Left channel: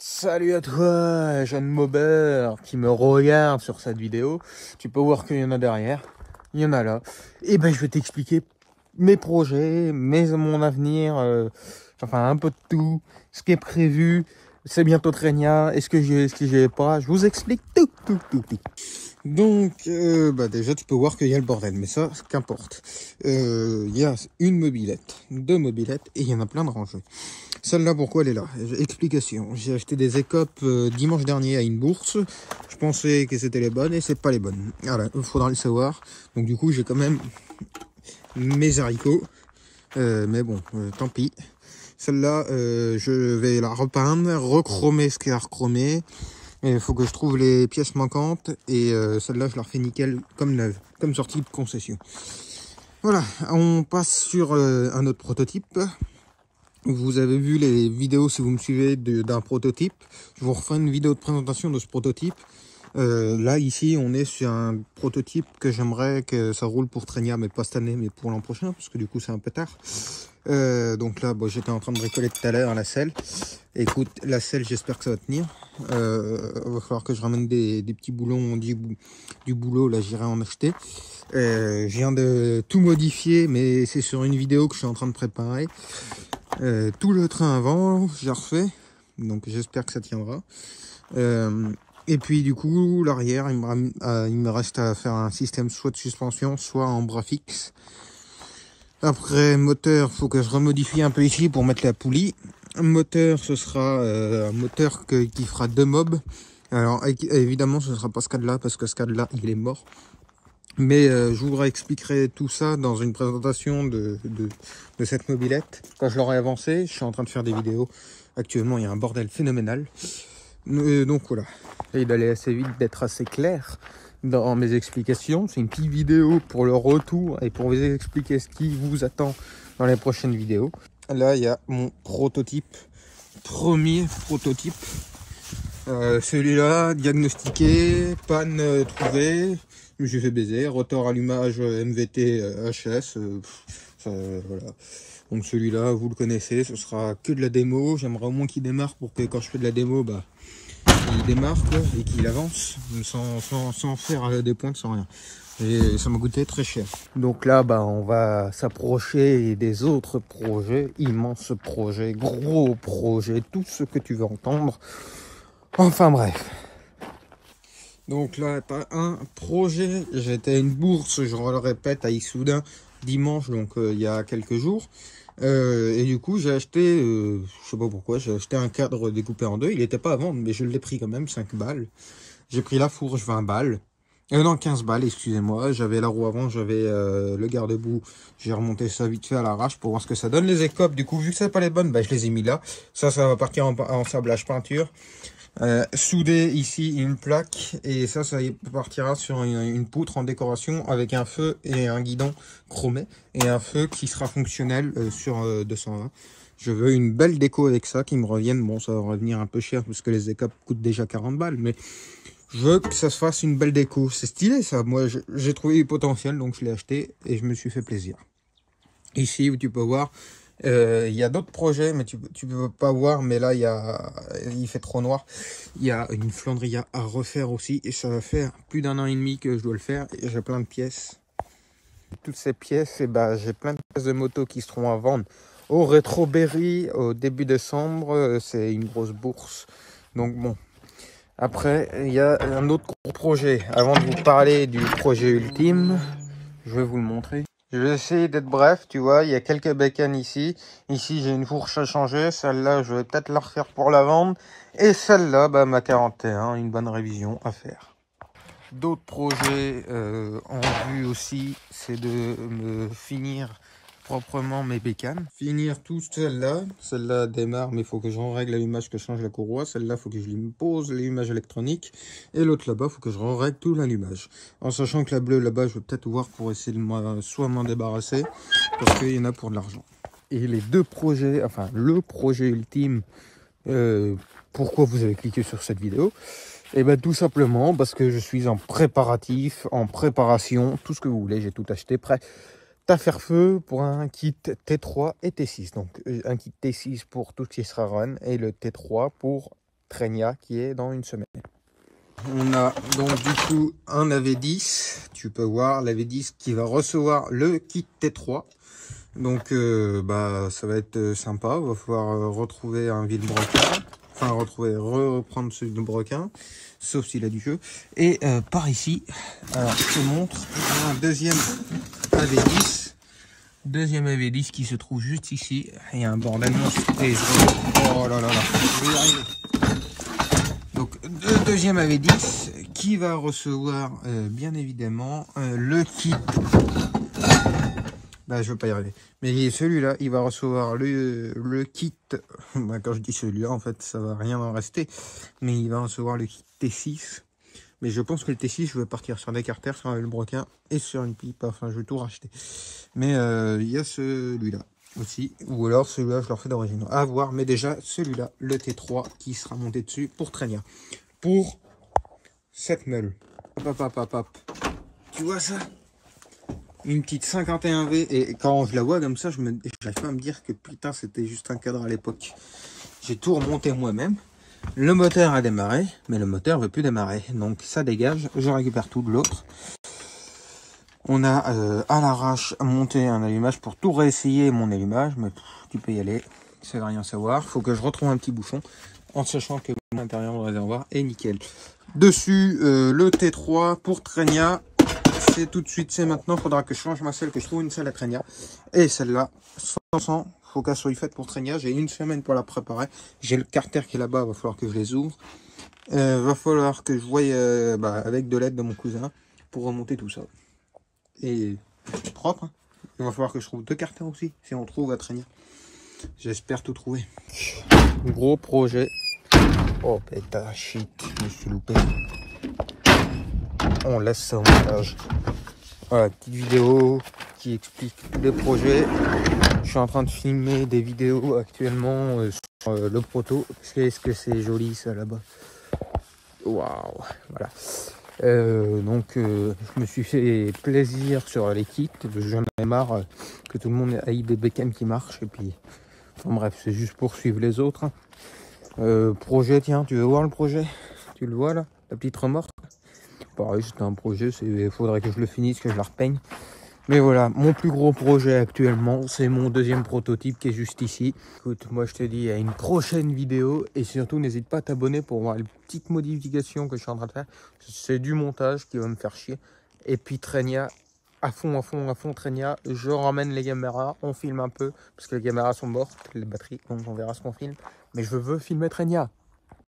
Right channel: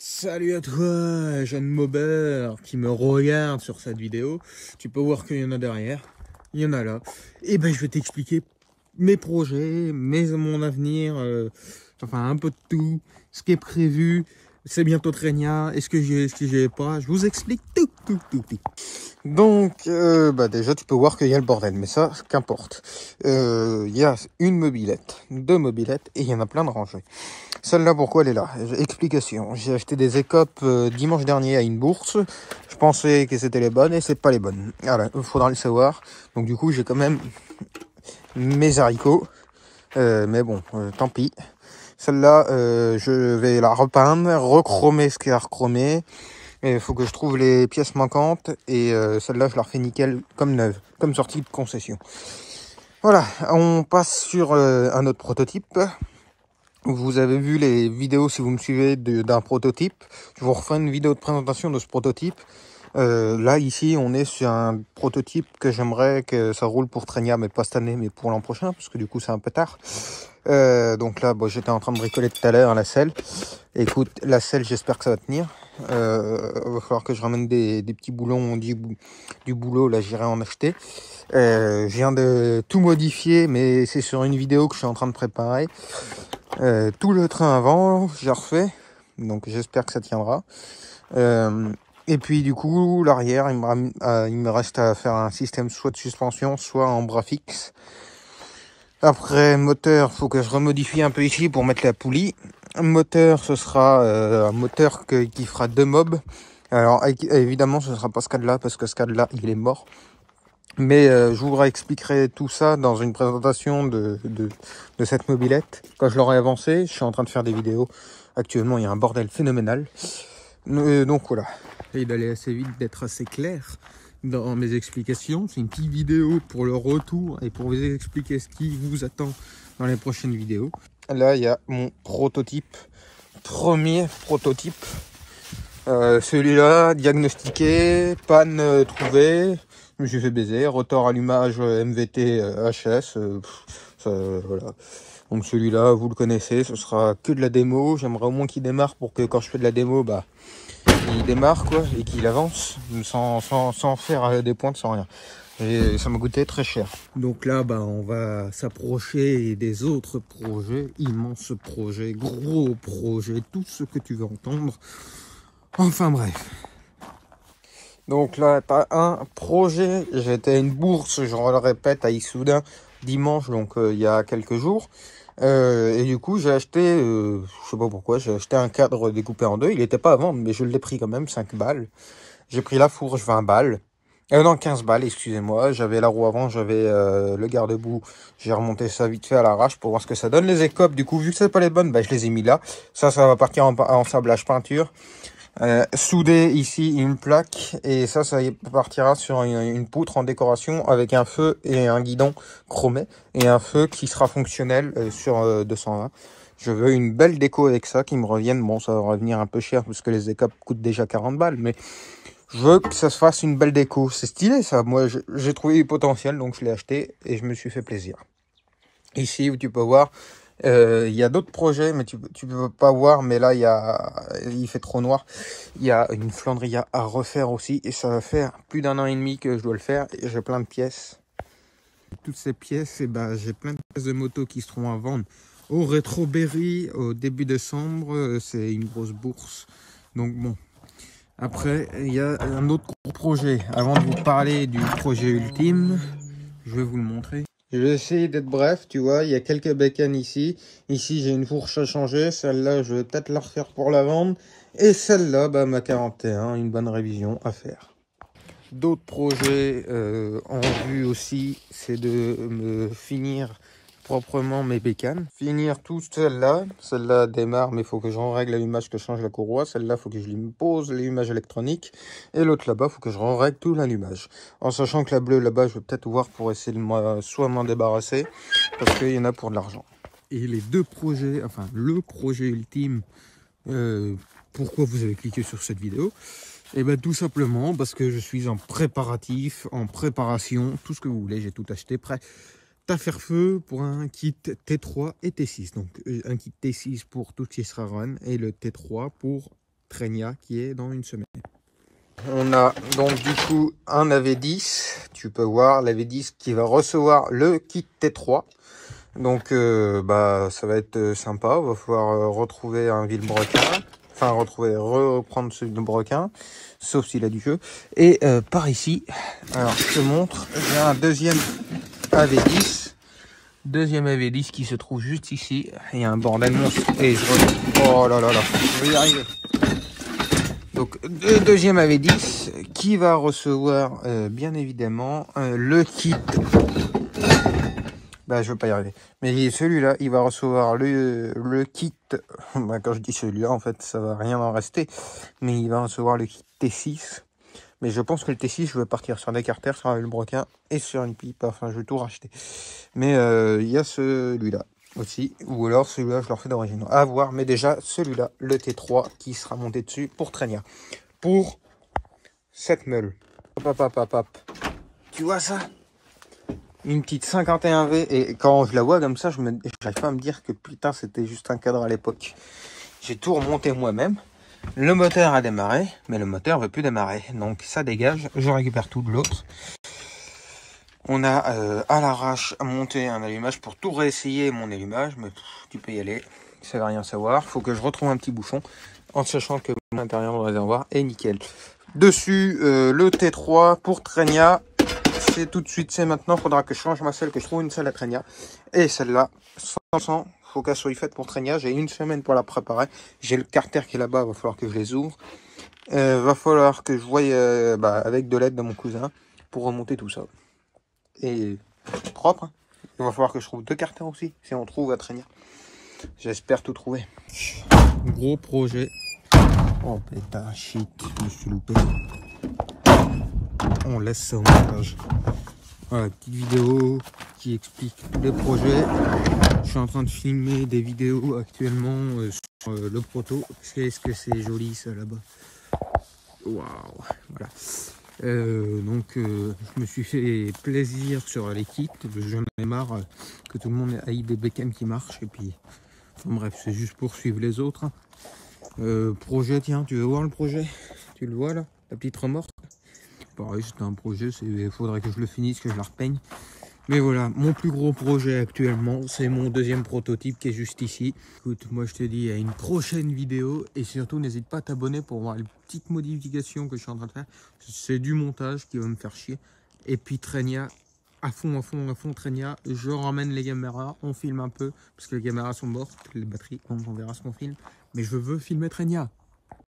Salut à toi, jeune mobber qui me regarde sur cette vidéo. Tu peux voir qu'il y en a derrière, il y en a là. Et ben je vais t'expliquer mes projets, mon avenir, enfin un peu de tout, ce qui est prévu. C'est bientôt Trenia, est-ce que j'ai pas. Je vous explique tout. Donc, déjà, tu peux voir qu'il y a le bordel, mais ça, qu'importe. Il y a une mobilette, deux mobilettes, et il y en a plein de rangées. Celle-là, pourquoi elle est là? Explication. J'ai acheté des écopes dimanche dernier à une bourse. Je pensais que c'était les bonnes, et c'est pas les bonnes. Voilà, il faudra le savoir. Donc, du coup, j'ai quand même mes haricots. Mais bon, tant pis. Celle-là, je vais la repeindre, recromer ce qu'il y a à recromer. Il faut que je trouve les pièces manquantes. Et celle-là, je la refais nickel comme neuve, comme sortie de concession. Voilà, on passe sur un autre prototype. Vous avez vu les vidéos, si vous me suivez, d'un prototype. Je vous refais une vidéo de présentation de ce prototype. Là, ici, on est sur un prototype que j'aimerais que ça roule pour Trenia, mais pas cette année, mais pour l'an prochain, parce que du coup, c'est un peu tard. Donc là, bon, j'étais en train de bricoler tout à l'heure la selle. Écoute, la selle, j'espère que ça va tenir. Va falloir que je ramène des petits boulons du boulot, là, j'irai en acheter. Je viens de tout modifier, mais c'est sur une vidéo que je suis en train de préparer. Tout le train avant, j'ai refait, donc j'espère que ça tiendra. Et puis du coup, l'arrière, il me reste à faire un système soit de suspension, soit en bras fixe. Après, moteur, faut que je remodifie un peu ici pour mettre la poulie. Moteur, ce sera un moteur qui fera 2 mobs. Alors évidemment, ce sera pas ce cas-là, parce que ce cas-là, il est mort. Mais je vous expliquerai tout ça dans une présentation de cette mobilette. Quand je l'aurai avancé, je suis en train de faire des vidéos. Actuellement, il y a un bordel phénoménal. Donc voilà. Et d'aller assez vite, d'être assez clair dans mes explications. C'est une petite vidéo pour le retour et pour vous expliquer ce qui vous attend dans les prochaines vidéos. Là, il y a mon prototype. Premier prototype. Celui-là, diagnostiqué, panne trouvée. Je me suis fait baiser, rotor allumage MVT HS, voilà. Donc celui-là, vous le connaissez, ce sera que de la démo. J'aimerais au moins qu'il démarre pour que quand je fais de la démo, bah, il démarre quoi, et qu'il avance sans faire des pointes, sans rien. Et ça m'a coûté très cher. Donc là, bah, on va s'approcher des autres projets, immenses projets, gros projets, tout ce que tu veux entendre. Enfin bref. Donc là, t'as un projet. J'étais à une bourse, je le répète, à Issoudun dimanche, donc il y a quelques jours. Et du coup, j'ai acheté, je sais pas pourquoi, j'ai acheté un cadre découpé en deux. Il était pas à vendre, mais je l'ai pris quand même, 5 balles. J'ai pris la fourche, 20 balles. Non, 15 balles, excusez-moi. J'avais la roue avant, j'avais le garde-boue. J'ai remonté ça vite fait à l'arrache pour voir ce que ça donne. Les écopes, du coup, vu que c'est pas les bonnes, bah, je les ai mis là. Ça va partir en sablage peinture. Soudé ici une plaque, et ça partira sur une poutre en décoration avec un feu et un guidon chromé et un feu qui sera fonctionnel sur 220. Je veux une belle déco avec ça qui me revienne. Bon, ça va revenir un peu cher parce que les écopes coûtent déjà 40 balles, mais je veux que ça se fasse une belle déco. C'est stylé ça. Moi, j'ai trouvé du potentiel, donc je l'ai acheté et je me suis fait plaisir. Ici, où tu peux voir, il y a d'autres projets, mais tu peux pas voir, mais là, il fait trop noir. Il y a une Flandria à refaire aussi, et ça va faire plus d'1 an et demi que je dois le faire, et j'ai plein de pièces. Toutes ces pièces, et bah, j'ai plein de pièces de moto qui seront à vendre au Rétro Berry au début décembre. C'est une grosse bourse. Donc bon. Après, il y a un autre gros projet. Avant de vous parler du projet ultime, je vais vous le montrer. Je vais essayer d'être bref, tu vois, il y a quelques bécanes ici. Ici, j'ai une fourche à changer. Celle-là, je vais peut-être la refaire pour la vendre. Et celle-là, bah, ma 41, une bonne révision à faire. D'autres projets en vue aussi, c'est de me finir proprement mes bécanes. Finir tout celle-là. Celle-là démarre, mais il faut que j'en règle l'allumage, que je change la courroie. Celle-là, il faut que je lui pose l'allumage électronique. Et l'autre là-bas, il faut que je règle tout l'allumage. En sachant que la bleue là-bas, je vais peut-être voir pour essayer de soit m'en débarrasser, parce qu'il y en a pour de l'argent. Et les deux projets, enfin le projet ultime, pourquoi vous avez cliqué sur cette vidéo? Et ben tout simplement parce que je suis en préparatif, en préparation, tout ce que vous voulez, j'ai tout acheté prêt à faire feu pour un kit T3 et T6. Donc un kit T6 pour tout ce qui sera run et le T3 pour Trenia qui est dans une semaine. On a donc du coup un AV10, tu peux voir l'AV10 qui va recevoir le kit T3. Donc bah ça va être sympa, il va falloir retrouver un Villebrequin, enfin reprendre celui de Brequin, sauf s'il a du jeu. Et par ici, alors je te montre, j'ai un deuxième AV10 qui se trouve juste ici. Il y a un bordel monstre et oh là là là, je vais y arriver. Donc le deuxième AV10 qui va recevoir bien évidemment le kit. Bah je veux pas y arriver. Mais celui-là, il va recevoir le kit. Bah, quand je dis celui-là, en fait, ça va rien en rester. Mais il va recevoir le kit T6. Mais je pense que le T6, je vais partir sur des carters, sur un Villebrequin et sur une pipe. Enfin, je vais tout racheter. Mais il y a celui-là aussi. Ou alors celui-là, je leur fais d'origine. À voir. Mais déjà, celui-là, le T3 qui sera monté dessus pour Trenia. Pour cette meule. Hop, hop, hop, hop. Tu vois ça? Une petite 51V, et quand je la vois comme ça, j'arrive pas à me dire que putain c'était juste un cadre à l'époque. J'ai tout remonté moi-même. Le moteur a démarré, mais le moteur veut plus démarrer. Donc ça dégage, je récupère tout de l'autre. On a à l'arrache monté un allumage pour tout réessayer mon allumage, mais tu peux y aller, ça va rien savoir. Faut que je retrouve un petit bouchon, en sachant que l'intérieur du réservoir est nickel. Dessus, le T3 pour Trenia. C'est tout de suite, c'est maintenant, faudra que je change ma selle, que je trouve une selle à Trenia. Et celle-là, 100%, faut qu'elle soit faite pour Trenia. J'ai une semaine pour la préparer. J'ai le carter qui est là-bas, va falloir que je les ouvre. Va falloir que je voie avec de l'aide de mon cousin pour remonter tout ça. Et propre, hein. Il va falloir que je trouve 2 carters aussi, si on trouve à Trenia. J'espère tout trouver. Gros projet. Oh pétard, shit, je me suis loupé. On laisse ça au montage. Voilà, petite vidéo qui explique tous les projets. Je suis en train de filmer des vidéos actuellement sur le proto. Qu'est-ce que c'est joli ça là-bas. Waouh, voilà. Donc je me suis fait plaisir sur l'équipe. J'en ai marre que tout le monde ait des bécanes qui marchent. Et puis, enfin bref, c'est juste pour suivre les autres. Projet, tiens, tu veux voir le projet? Tu le vois là, la petite remorque? Pareil, c'était un projet, il faudrait que je le finisse, que je la repeigne. Mais voilà, mon plus gros projet actuellement, c'est mon deuxième prototype qui est juste ici. Écoute, moi je te dis à une prochaine vidéo. Et surtout, n'hésite pas à t'abonner pour voir les petites modifications que je suis en train de faire. C'est du montage qui va me faire chier. Et puis Trenia, à fond, Trenia. Je ramène les caméras, on filme un peu. Parce que les caméras sont mortes, les batteries, donc on verra ce qu'on filme. Mais je veux filmer Trenia.